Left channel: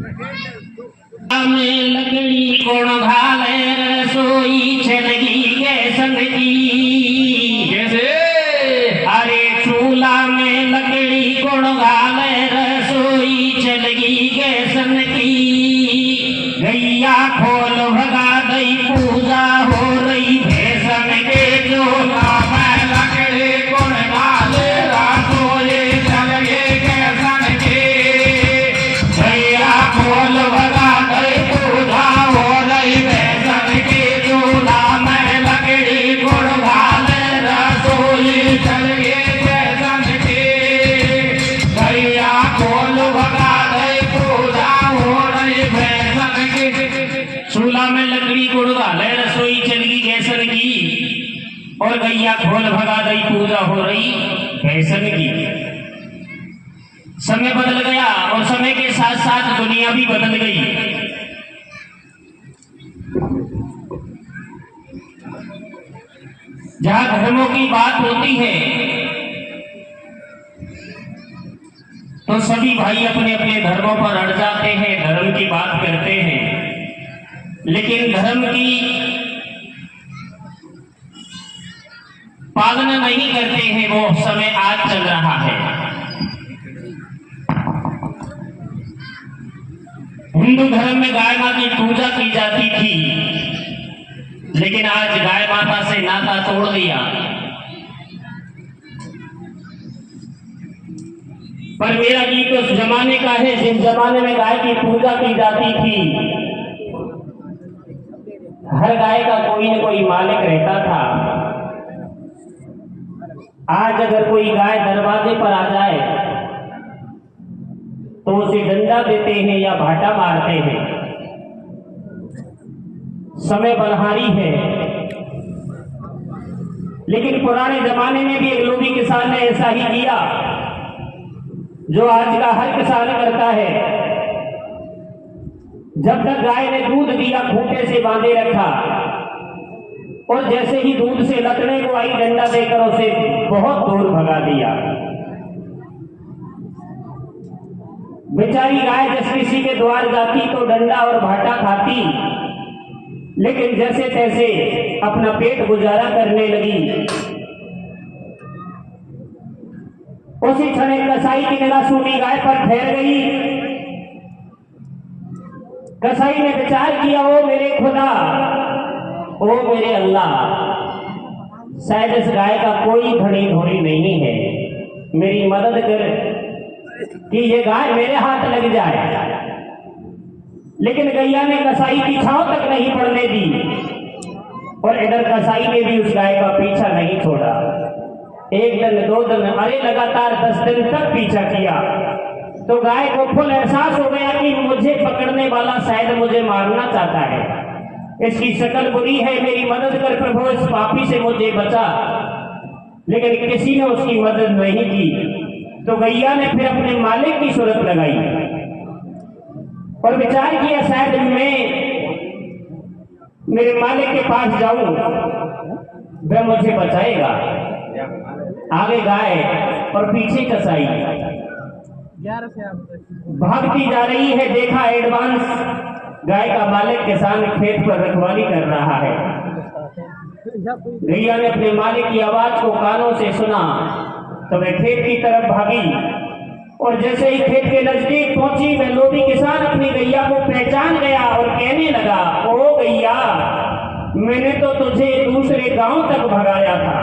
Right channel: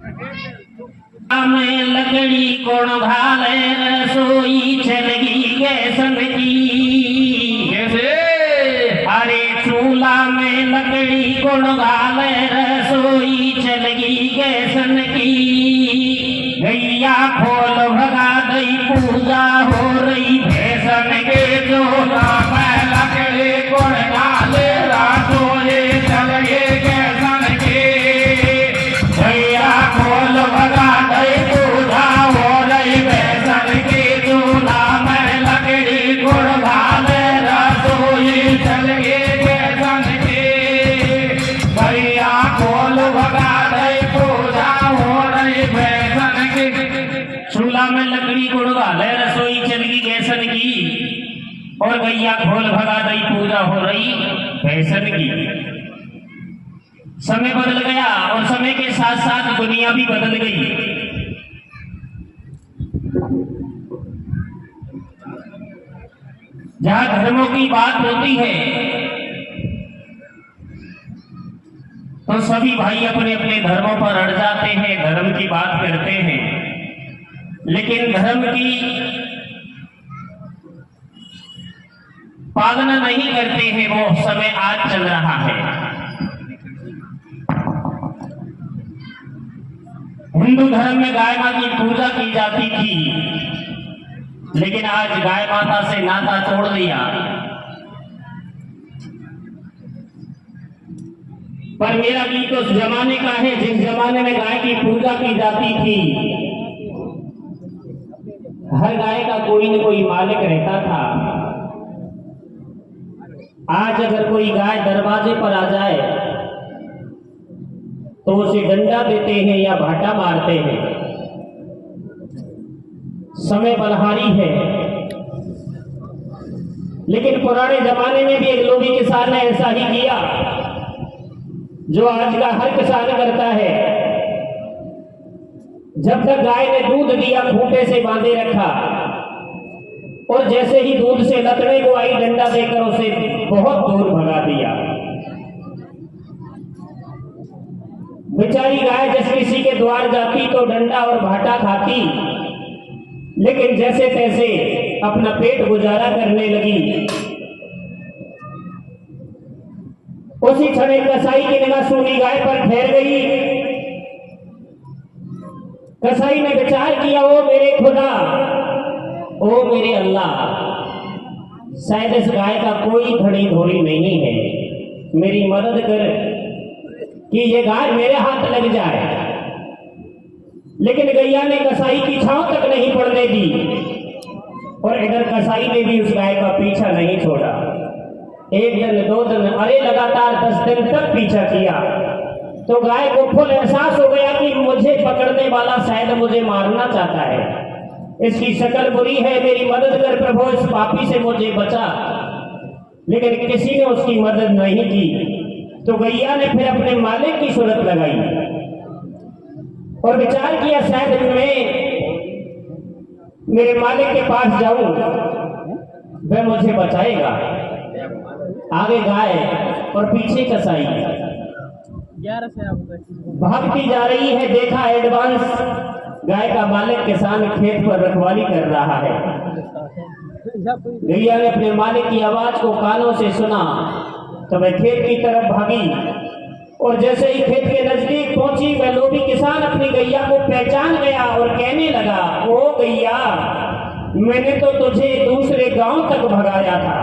में लकड़ी कोण घाले रसोई चलगी गैस की। अरे चूल्हा में लकड़ी कोण घाले रसोई चलगी गैस की। गैया खोल भगा दई पूजा हो रही भैसन के जोला में लकड़ी कोण घाले रसोई चलगी गैसन की। गैया खोल भगा दई पूजा हो रही भैसन के जोला में लकड़ी कोण घाले रसोई चलगी गैसन की। गैया खोल भगा दई पूजा हो रही भैसन की। चूल्हा में लकड़ी कोण घाले रसोई चलगी गैसन की और गैया खोल भगा दई पूजा हो रही भैसन की। समय बदल गया और समय के साथ साथ दुनिया भी बदल गई। जहां धर्मों की बात होती है तो सभी भाई अपने अपने धर्मों पर अड़ जाते हैं, धर्म की बात करते हैं, लेकिन धर्म की पालना नहीं करते हैं। वो समय आज चल रहा है। हिंदू धर्म में गाय माता की पूजा की जाती थी, लेकिन आज गाय माता से नाता तोड़ दिया। पर मेरा गीत उस जमाने का है जिस जमाने में गाय की पूजा की जाती थी। हर गाय का कोई न कोई मालिक रहता था। आज अगर कोई गाय दरवाजे पर आ जाए तो उसे डंडा देते हैं या भाटा मारते हैं। समय बलहारी है, लेकिन पुराने जमाने में भी एक लोभी किसान ने ऐसा ही किया जो आज का हर किसान करता है। जब तक गाय ने दूध दिया खूंटे से बांधे रखा और जैसे ही दूध से लतने को आई डंडा देकर उसे बहुत दूर भगा दिया। बेचारी गाय जब किसी के द्वार जाती तो डंडा और भाटा खाती, लेकिन जैसे तैसे अपना पेट गुजारा करने लगी। उसी क्षण कसाई की निगाह सूनी गाय पर ठहर गई। कसाई ने विचार किया, ओ मेरे खुदा, ओ मेरे अल्लाह, शायद इस गाय का कोई धड़ी धोड़ी नहीं है, मेरी मदद कर कि ये गाय मेरे हाथ लग जाए। लेकिन गैया ने कसाई की छांव तक नहीं पड़ने दी और इधर कसाई ने भी उस गाय का पीछा नहीं छोड़ा। एक दिन, दो दिन, अरे लगातार 10 दिन तक पीछा किया तो गाय को फुल एहसास हो गया कि मुझे पकड़ने वाला शायद मुझे मारना चाहता है। इसकी शक्ल बुरी है, मेरी मदद कर प्रभु, इस पापी से मुझे बचा। लेकिन किसी ने उसकी मदद नहीं की। तो गैया ने फिर अपने मालिक की सूरत लगाई और विचार किया, शायद मैं मेरे मालिक के पास जाऊं, वह मुझे बचाएगा। आगे गाय और पीछे कसाई भागती जा रही है। देखा एडवांस गाय का मालिक किसान खेत पर रखवाली कर रहा है। गैया ने अपने मालिक की आवाज को कानों से सुना तो वह खेत की तरफ भागी और जैसे ही खेत के नजदीक पहुंची वह लोभी किसान अपनी गैया को पहचान गया और कहने लगा, ओ गैया, मैंने तो तुझे दूसरे गांव तक भगाया था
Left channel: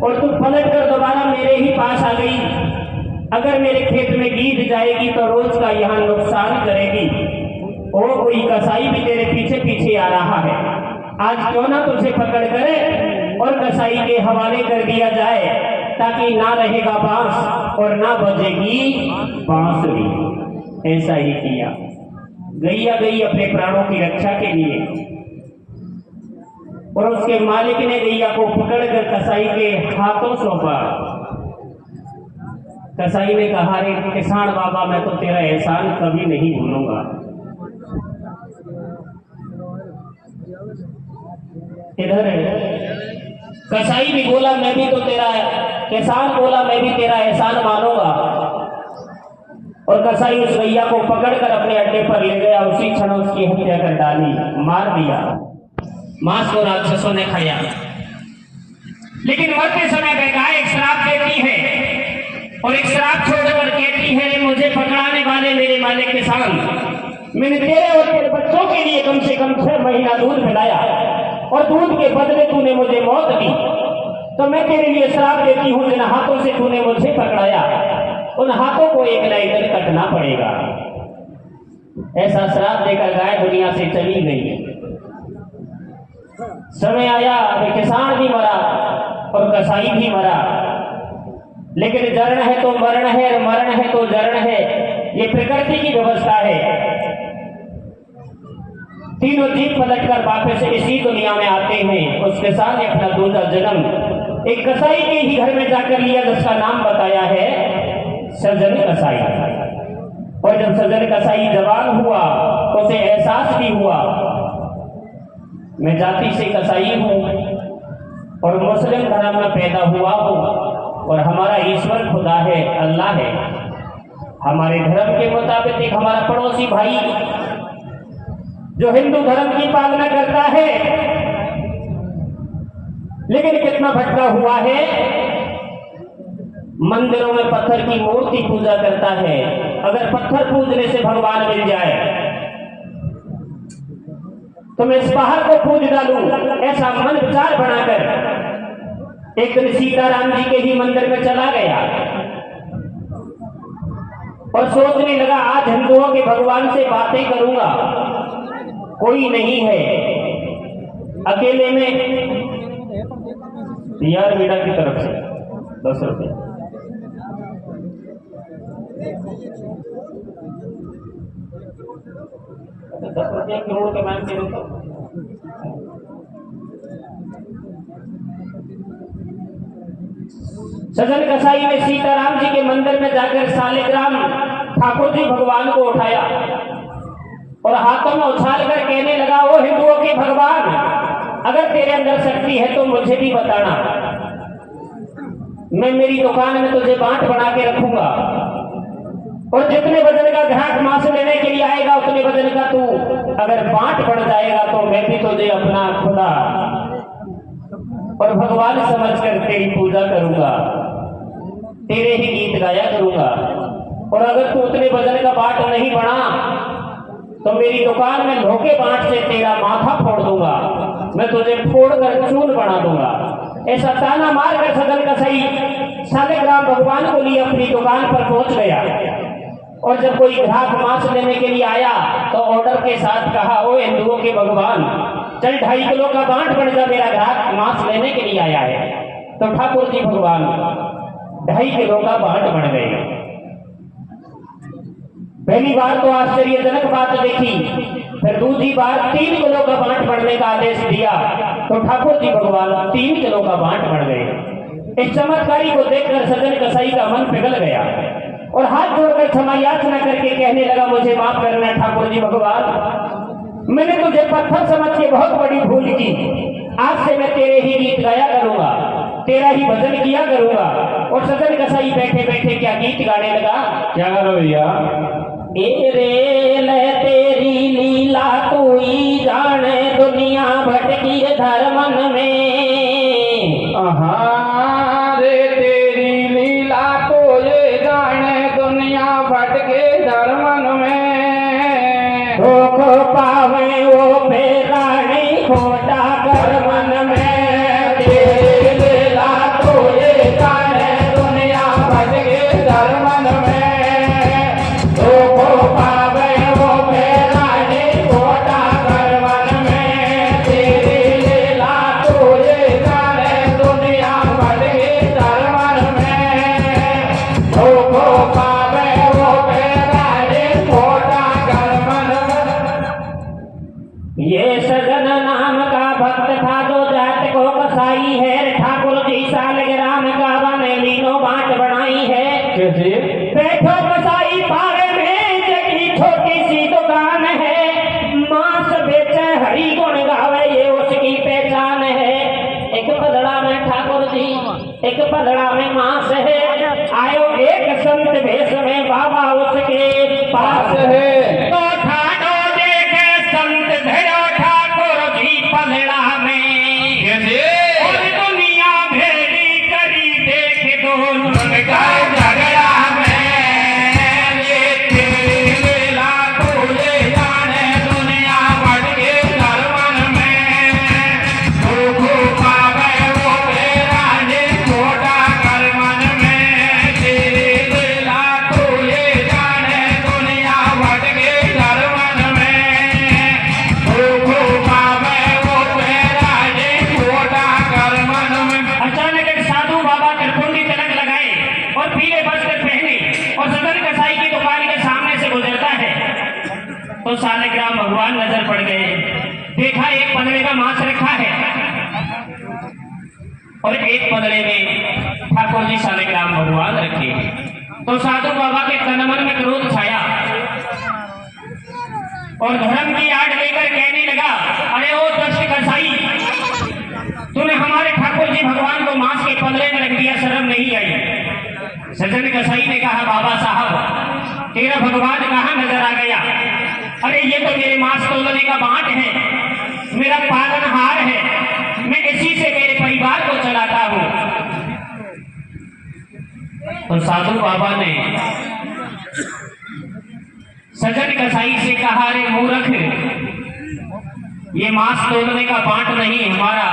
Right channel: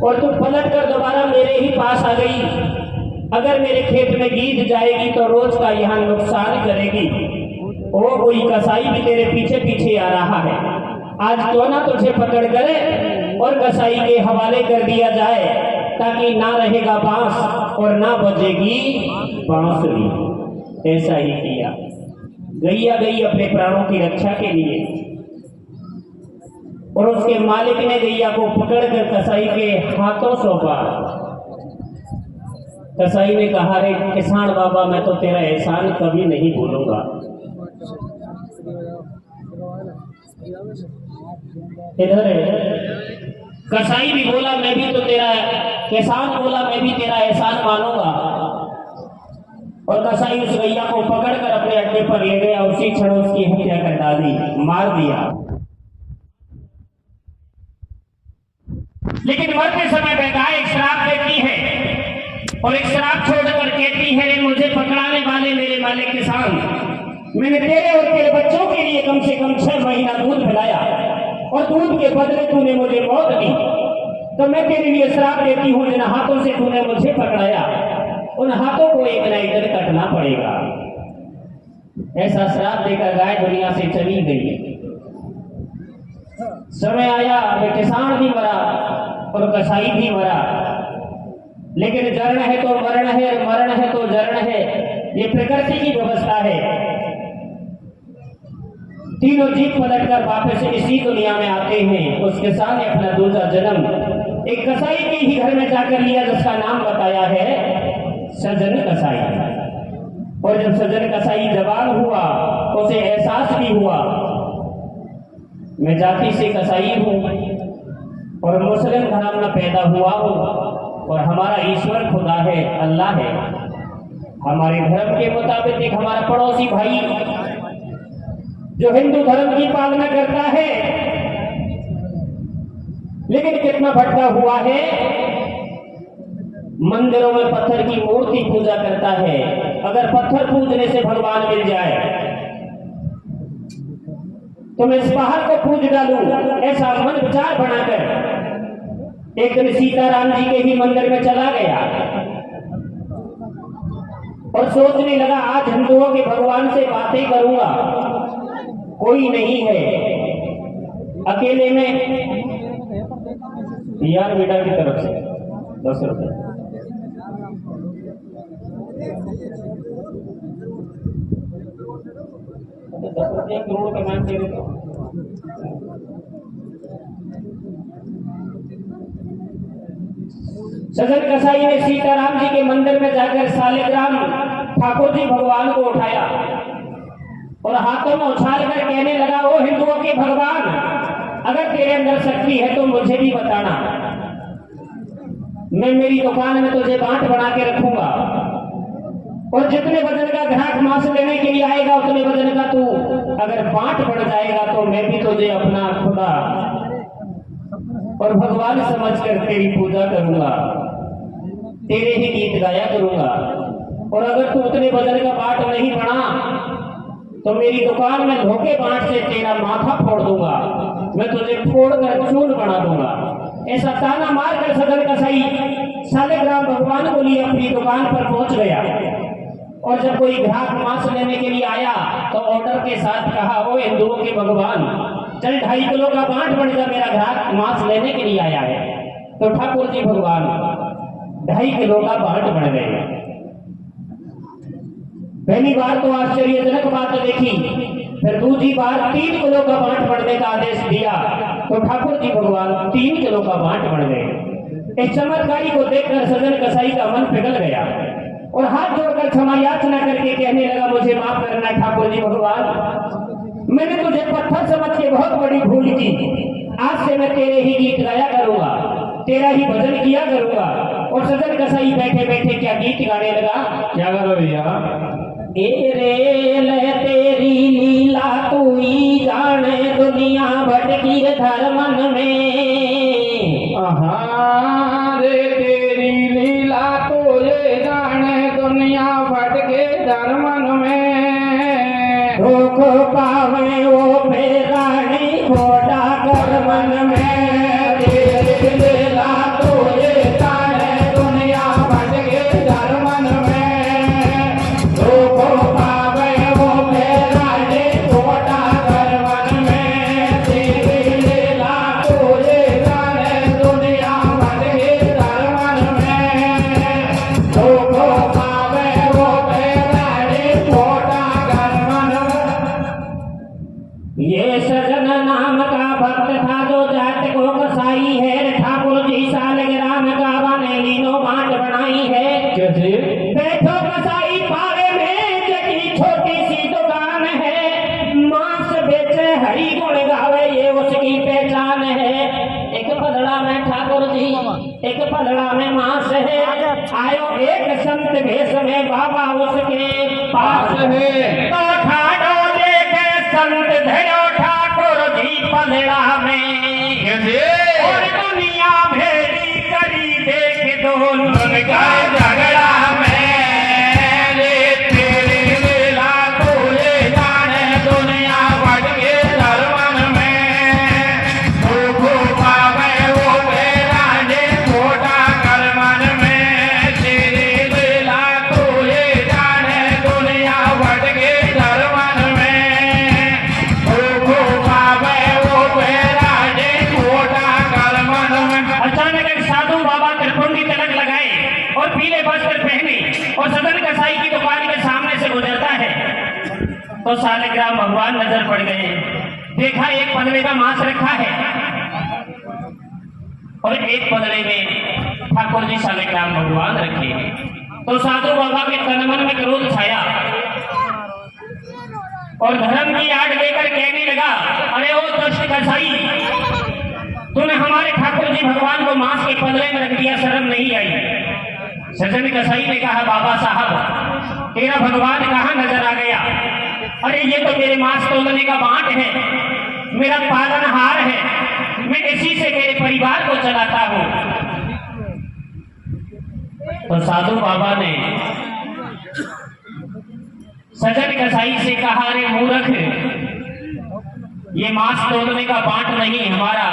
और तू पलट कर दोबारा मेरे ही पास आ गई। अगर मेरे खेत में गीद जाएगी तो रोज का यहाँ नुकसान करेगी। ओ कोई कसाई भी तेरे पीछे पीछे आ रहा है। आज क्यों ना तुझे पकड़ कर और कसाई के हवाले कर दिया जाए, ताकि ना रहेगा बांस और ना बजेगी बांसुरी। ऐसा ही किया। गैया गई अपने प्राणों की रक्षा के लिए और उसके मालिक ने गैया को पकड़कर कसाई के हाथों सौंपा। कसाई ने कहा, रे किसान बाबा, मैं तो तेरा एहसान कभी नहीं भूलूंगा। इधर कसाई भी बोला, मैं भी तो तेरा, किसान बोला, मैं भी तेरा एहसान मानूंगा। और कसाई उस गैया को पकड़कर अपने अड्डे पर ले गया। उसी क्षण उसकी हत्या कर डाली, मार दिया। मांस को राक्षसों ने खाया। लेकिन मरते समय बेगाय एक श्राप देती है और एक श्राप छोड़कर कहती है, मुझे पकड़ाने वाले मेरे मालिक किसान, मैंने तेरे और तेरे बच्चों के लिए कम से कम 6 महीना दूध पिलाया और दूध के बदले तूने मुझे मौत दी, तो मैं तेरे लिए श्राप देती हूँ, जिन हाथों से तूने मुझे पकड़ाया उन हाथों को एक न एक दिन कटना पड़ेगा। ऐसा श्राप देकर गाय दुनिया से चली गई। समय आया, वे किसान भी मरा और कसाई भी मरा। लेकिन जरण है तो मरण है और मरण है तो जरण है, ये प्रकृति की व्यवस्था है। तीनों जीव पलटकर वापस इसी दुनिया में आते हैं। उस किसान ने अपना दूसरा जन्म एक कसाई के ही घर में जाकर लिया, जिसका नाम बताया है सज्जन कसाई। और जब सज्जन कसाई जवान हुआ तो उसे एहसास भी हुआ, मैं जाति से कसाई हूं और मुस्लिम धर्म में पैदा हुआ हूं और हमारा ईश्वर खुदा है, अल्लाह है। हमारे धर्म के मुताबिक एक हमारा पड़ोसी भाई जो हिंदू धर्म की पालना करता है, लेकिन कितना भटका हुआ है, मंदिरों में पत्थर की मूर्ति पूजा करता है। अगर पत्थर पूजने से भगवान मिल जाए तो मैं इस पहाड़ को पूज डालूं, ऐसा मन विचार बनाकर एक दिन सीताराम जी के ही मंदिर में चला गया और सोचने लगा, आज हिंदुओं के भगवान से बातें करूंगा, कोई नहीं है, अकेले में। यार बेटा की तरफ से 10 रुपये। तो 10 रुपये करोड़ के मांग दे तो सज्जन कसाई ने सीताराम जी के मंदिर में जाकर सालिग्राम ठाकुर जी भगवान को उठाया और हाथों में उछाल कर कहने लगा, ओ हिंदुओं के भगवान, अगर तेरे अंदर शक्ति है तो मुझे भी बताना, मैं मेरी दुकान में तुझे बांट बना के रखूंगा और जितने वजन का ग्राहक मांस लेने के लिए आएगा उतने वजन का तू अगर बांट बढ़ जाएगा तो मैं भी तुझे अपना खुदा और भगवान समझकर तेरी पूजा करूंगा, तेरे ही गीत गाया करूंगा। और अगर तू उतने वजन का बांट नहीं बना तो मेरी दुकान में धोखे बांट से तेरा माथा फोड़ दूंगा, मैं तुझे फोड़कर चून बना दूंगा। ऐसा ताना मारकर सज्जन कसाई सालिग्राम भगवान को लिए अपनी दुकान पर पहुंच गया और जब कोई ग्राहक मांस लेने के लिए आया तो ऑर्डर के साथ कहा, ओ हिंदुओं के भगवान, चल 2.5 किलो का बांट बन जा, मेरा ग्राहक मांस लेने के लिए आया है। तो ठाकुर जी भगवान 2.5 किलो का बांट बन गए। पहली बार तो आश्चर्यजनक बात देखी, फिर दूसरी बार 3 किलो का बांट बढ़ने का आदेश दिया तो ठाकुर जी भगवान 3 किलो का बांट बढ़ गए। इस चमत्कारी को देखकर सज्जन कसाई का मन पिघल गया और हाथ जोड़कर क्षमा याचना करके कहने लगा, मुझे माफ करना ठाकुर जी भगवान, मैंने तुझे पत्थर समझ के बहुत बड़ी भूल की। आज से मैं तेरे ही गीत गाया करूंगा, तेरा ही भजन किया करूंगा। और सज्जन कसाई बैठे बैठे क्या गीत गाने लगा, क्या गाना भैया, ए रे ले तेरी लीला तू ही जाने, दुनिया भटकी धर्मन में। रे तेरी लीला तो ये जाने, दुनिया भटके धर्मन में। धोख पावे वो बेरानी खोटा कर्मन में। तेरी लीला तो ये जाने, दुनिया भटके धर्मन में। ये सज्जन नाम का भक्त था जो जात को कसाई है, ठाकुर जी सालिग्राम का बने लीनो बांट बनाई है। कैसे? बैठो कसाई पारे में, जगी छोटी सी दुकान है, मांस बेचे हरि गुण गावे ये उसकी पहचान है। एक पलड़ा में ठाकुर जी, एक पलड़ा में मांस है, आयो एक संत भेष में बाबा उसके, तो सालिग्राम भगवान नजर पड़ गए। देखा एक पदड़े का मांस रखा है और एक पदड़े में ठाकुर जी सालिग्राम भगवान रखे हैं। तो साधु बाबा के तन मन में क्रोध छाया और धर्म की आड़ लेकर कहने लगा, अरे ओ दस्त कसाई, तूने हमारे ठाकुर जी भगवान को मांस के पदड़े में रख दिया, शर्म नहीं आई। सज्जन कसाई ने कहा, बाबा साहब तेरा भगवान कहाँ नजर आ गया? अरे ये तो मेरे मांस तोलने का बाट है, मेरा पालनहार है, मैं इसी से मेरे परिवार को चलाता हूँ। तो साधु बाबा ने सज्जन कसाई से कहा, अरे मूर्ख, ये मांस तोलने का बाट नहीं, हमारा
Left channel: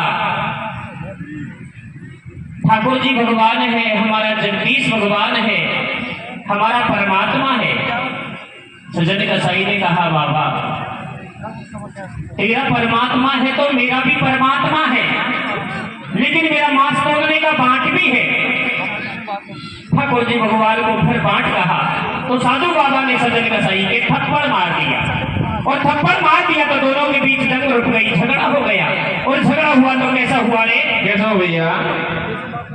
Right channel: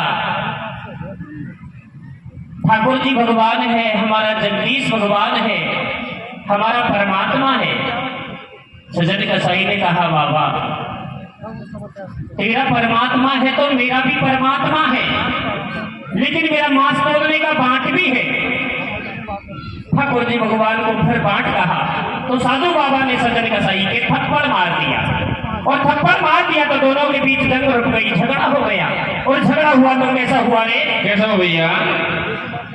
ठाकुर जी भगवान है, हमारा जगदीश भगवान है, हमारा परमात्मा है। सज्जन कसाई ने कहा, बाबा तेरा परमात्मा है तो मेरा भी परमात्मा है, लेकिन मेरा मांस तोड़ने का बाट भी है। ठाकुर जी भगवान को फिर बाट कहा तो साधु बाबा ने सज्जन कसाई के थप्पड़ मार दिया, और थप्पड़ मार दिया तो दोनों के बीच जंग रुक गई, झगड़ा हो गया। और झगड़ा हुआ तो कैसा हुआ रे? कैसा हो भैया?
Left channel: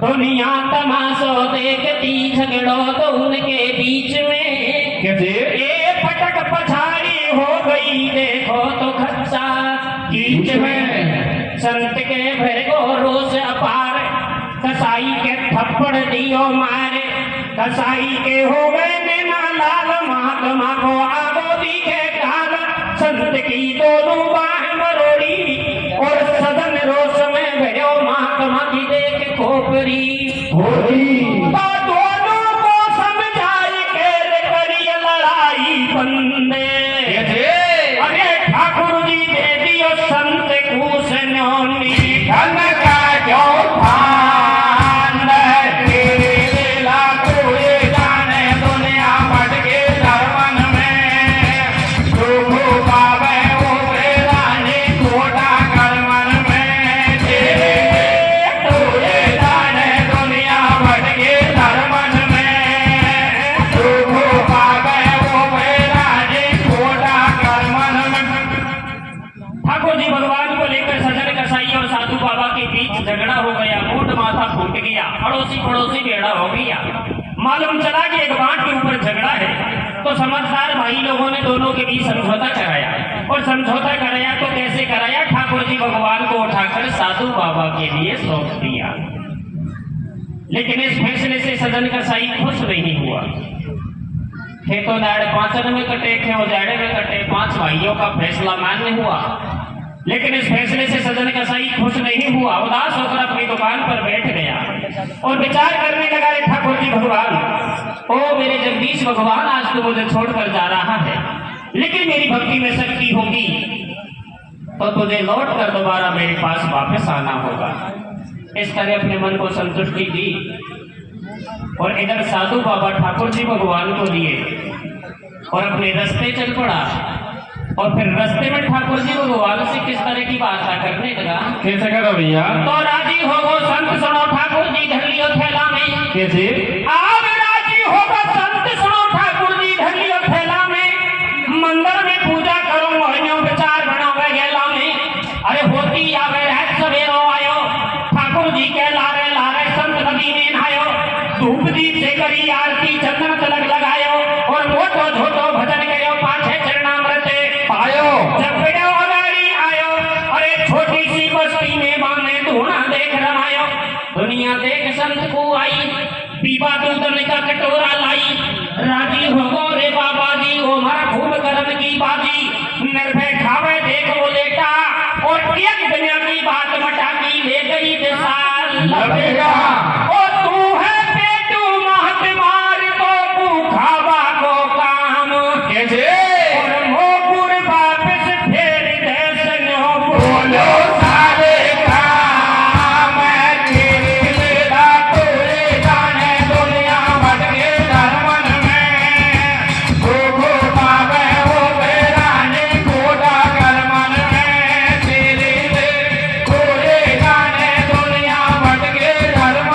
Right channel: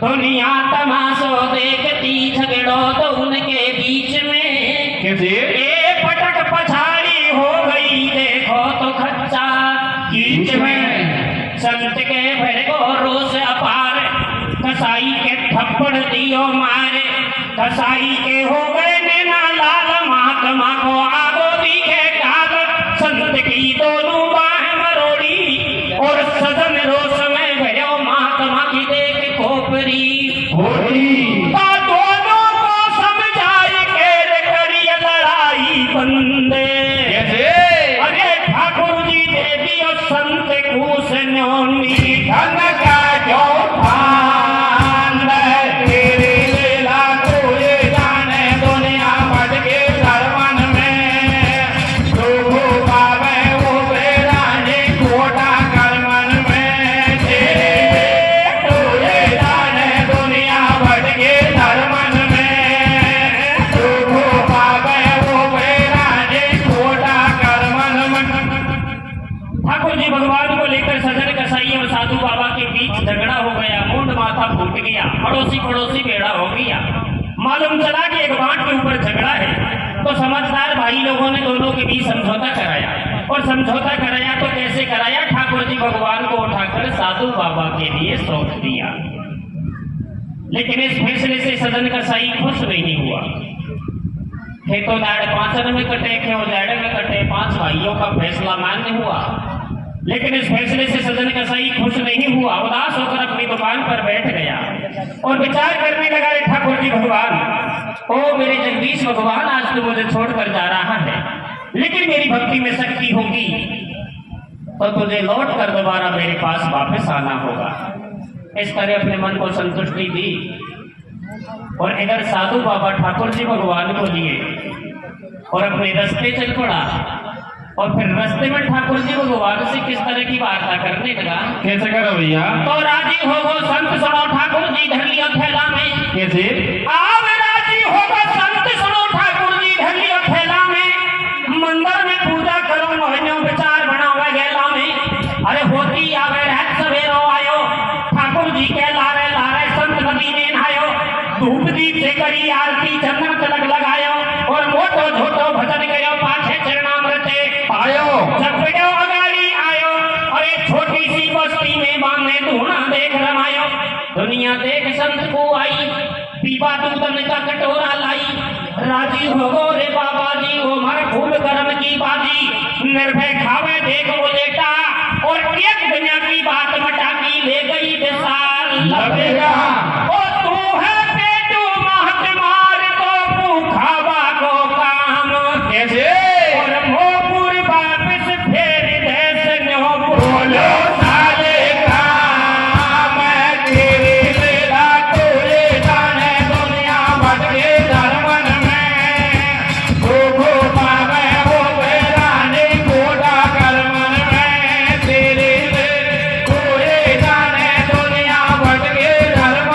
दुनिया तमाशो देखती, झगड़ो तो उनके बीच में कैसे? ए पटक पछाड़ी हो गई, देखो तो खच्चा बीच में। संत के भरगो रोष अपार, कसाई के थप्पड़ दियो मारे, कसाई के हो गए नैना लाल, महात्मा को आगो दिखे काल। संत की दोनों बाह मरोड़ी और सदन रोष में भयो, महात्मा की देख खोपरी तो दोनों को समझाई के करिए लड़ाई बंदे। अरे ठाकुर जी दे दियो संत कूस नौनी, धन का जो भान तेरे लीला को ये जाने, दुनिया भटके धर्मन में, प्रभु बाबे वो बेरानी कोटा कर्मन में। तेरे तो ये जाने, दुनिया भटके धर्मन में, प्रभु बाबे वो बेरानी कोटा कर्मन में। ठाकुर जी भगवान को लेकर सज्जन कसाई और साधु बाबा के बीच झगड़ा हो गया, मुंड माथा फूट गया, पड़ोसी पड़ोसी बेड़ा हो गया। मालूम चला कि एक बाट के ऊपर झगड़ा है, तो समझदार भाई लोगों ने दोनों के बीच समझौता कराया, और समझौता कराया तो कैसे कराया? ठाकुर जी भगवान को उठाकर साधु बाबा के लिए सौंप दिया। लेकिन इस फैसले से सज्जन कसाई खुश नहीं हुआ। खेतों दाड़ 5 में कटे, क्यों दाड़े में कटे, 5 भाइयों का फैसला मान्य हुआ। लेकिन इस फैसले से सज्जन कसाई खुश नहीं हुआ, उदास होकर अपनी दुकान पर बैठ गया और विचार करने लगा, ठाकुर जी भगवान, ओ मेरे जगदीश भगवान, आज तू मुझे छोड़कर जा रहा है, लेकिन मेरी भक्ति में शक्ति होगी तो तुझे लौट कर दोबारा मेरे पास वापस आना होगा। इस तरह अपने मन को संतुष्टि दी और इधर साधु बाबा ठाकुर जी भगवान को लिए और अपने रास्ते चल पड़ा। और फिर रास्ते में ठाकुर जी भगवान से किस तरह की वार्ता करने लगा? कैसे करो भैया? तो राजी हो गो संत सुनो, ठाकुर जी धर लियो थैला में। कैसे? आप राजी हो गो संत सुनो, ठाकुर जी धर लियो थैला में, मंदिर में पूजा करो, मोहनियों विचार बनावे गेला में। अरे होती आवे रहत सवेरो आयो, ठाकुर जी के लारे लारे संत नदी ने नहायो, धूप दीप से करी आरती, चंदन तिलक लगायो, और मोटो झोटो भजन गयो, पाछे चरणामृते आयो, जब गयो अगाड़ी आयो। अरे छोटी सी बस्ती में बाने धूना देख रमायो, दुनिया देख संत को आई, पीवा दूधन का कटोरा लाई। राजी हो गो रे बाबा जी, वो मर फूल गरम की बाजी, निर्भय खावे देख वो लेटा, और एक दुनिया की बात मटा की ले गई विशाल लपेटा। ओ तू है पेटू महत मार तो भूखावा को काम, कैसे? और मोपुर वापस फेर देश नो बोलो साले काम, तेरे लीला को ये जाने, दुनिया भटके धर्मन में, प्रभु बाबे वो बेरानी कोटा कर्मन में। तेरे को ये जाने, दुनिया भटके धर्मन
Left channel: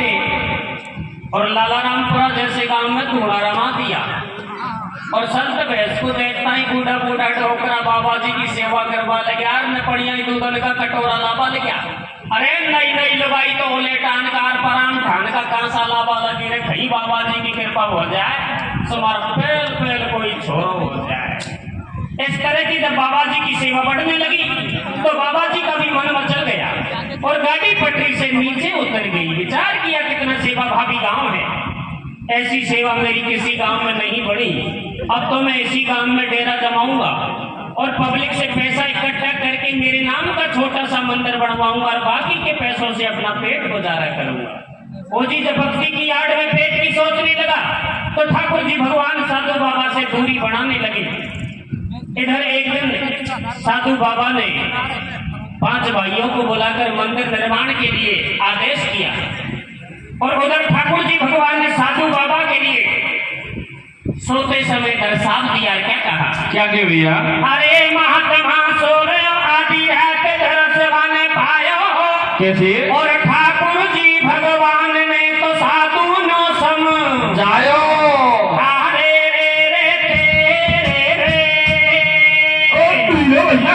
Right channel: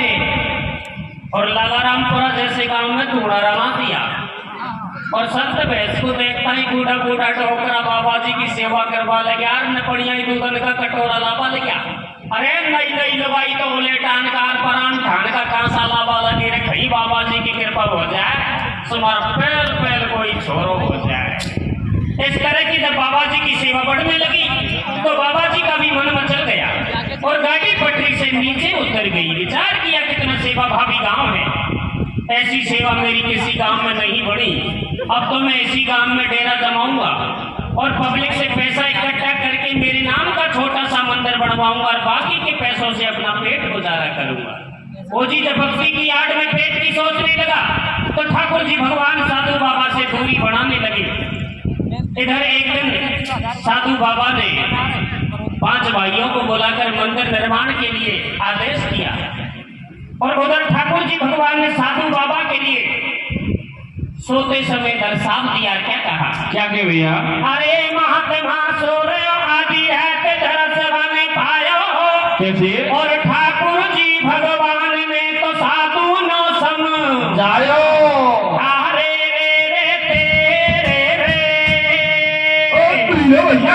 में और लालारामपुरा जैसे गांव में धूड़ा रमा दिया और संत भैंस को देखता ही बूढ़ा बूढ़ा टोकरा बाबा जी की सेवा करवा लगे यार न पड़िया दूधन का कटोरा लावा लगे। अरे नई नई लुगाई तो ओले टानकार परान ठान का कांसा लावा लगे रे खई बाबा जी की कृपा हो जाए सुमार पहल पहल कोई छोरो हो जाए। इस तरह की जब बाबा जी की सेवा बढ़ने लगी तो बाबा जी का भी मन मचल गया और गाड़ी पटरी से नीचे उतर गई। विचार किया कितना सेवा भावी गांव है, ऐसी सेवा मेरी किसी गांव में नहीं बढ़ी। अब तो मैं इसी गांव में डेरा जमाऊंगा और पब्लिक से पैसा इकट्ठा करके मेरे नाम का छोटा सा मंदिर बनवाऊंगा और बाकी के पैसों से अपना पेट गुजारा करूंगा। वो जी जब भक्ति की आड़ में पेट की सोचने लगा तो ठाकुर जी भगवान साधु बाबा से दूरी बढ़ाने लगे। इधर एक दिन साधु बाबा ने 5 भाइयों को बुलाकर मंदिर निर्माण के लिए आदेश किया और उधर ठाकुर जी भगवान ने साधु बाबा के लिए सोते समय दर्शाव दिया। क्या कहा? क्या के भैया? अरे महात्मा सोर आदि है के जरा सेवा ने पायो कैसे? और ठाकुर जी भगवान ने तो साधु नो समझायो। अरे रे रे तेरे रे भैया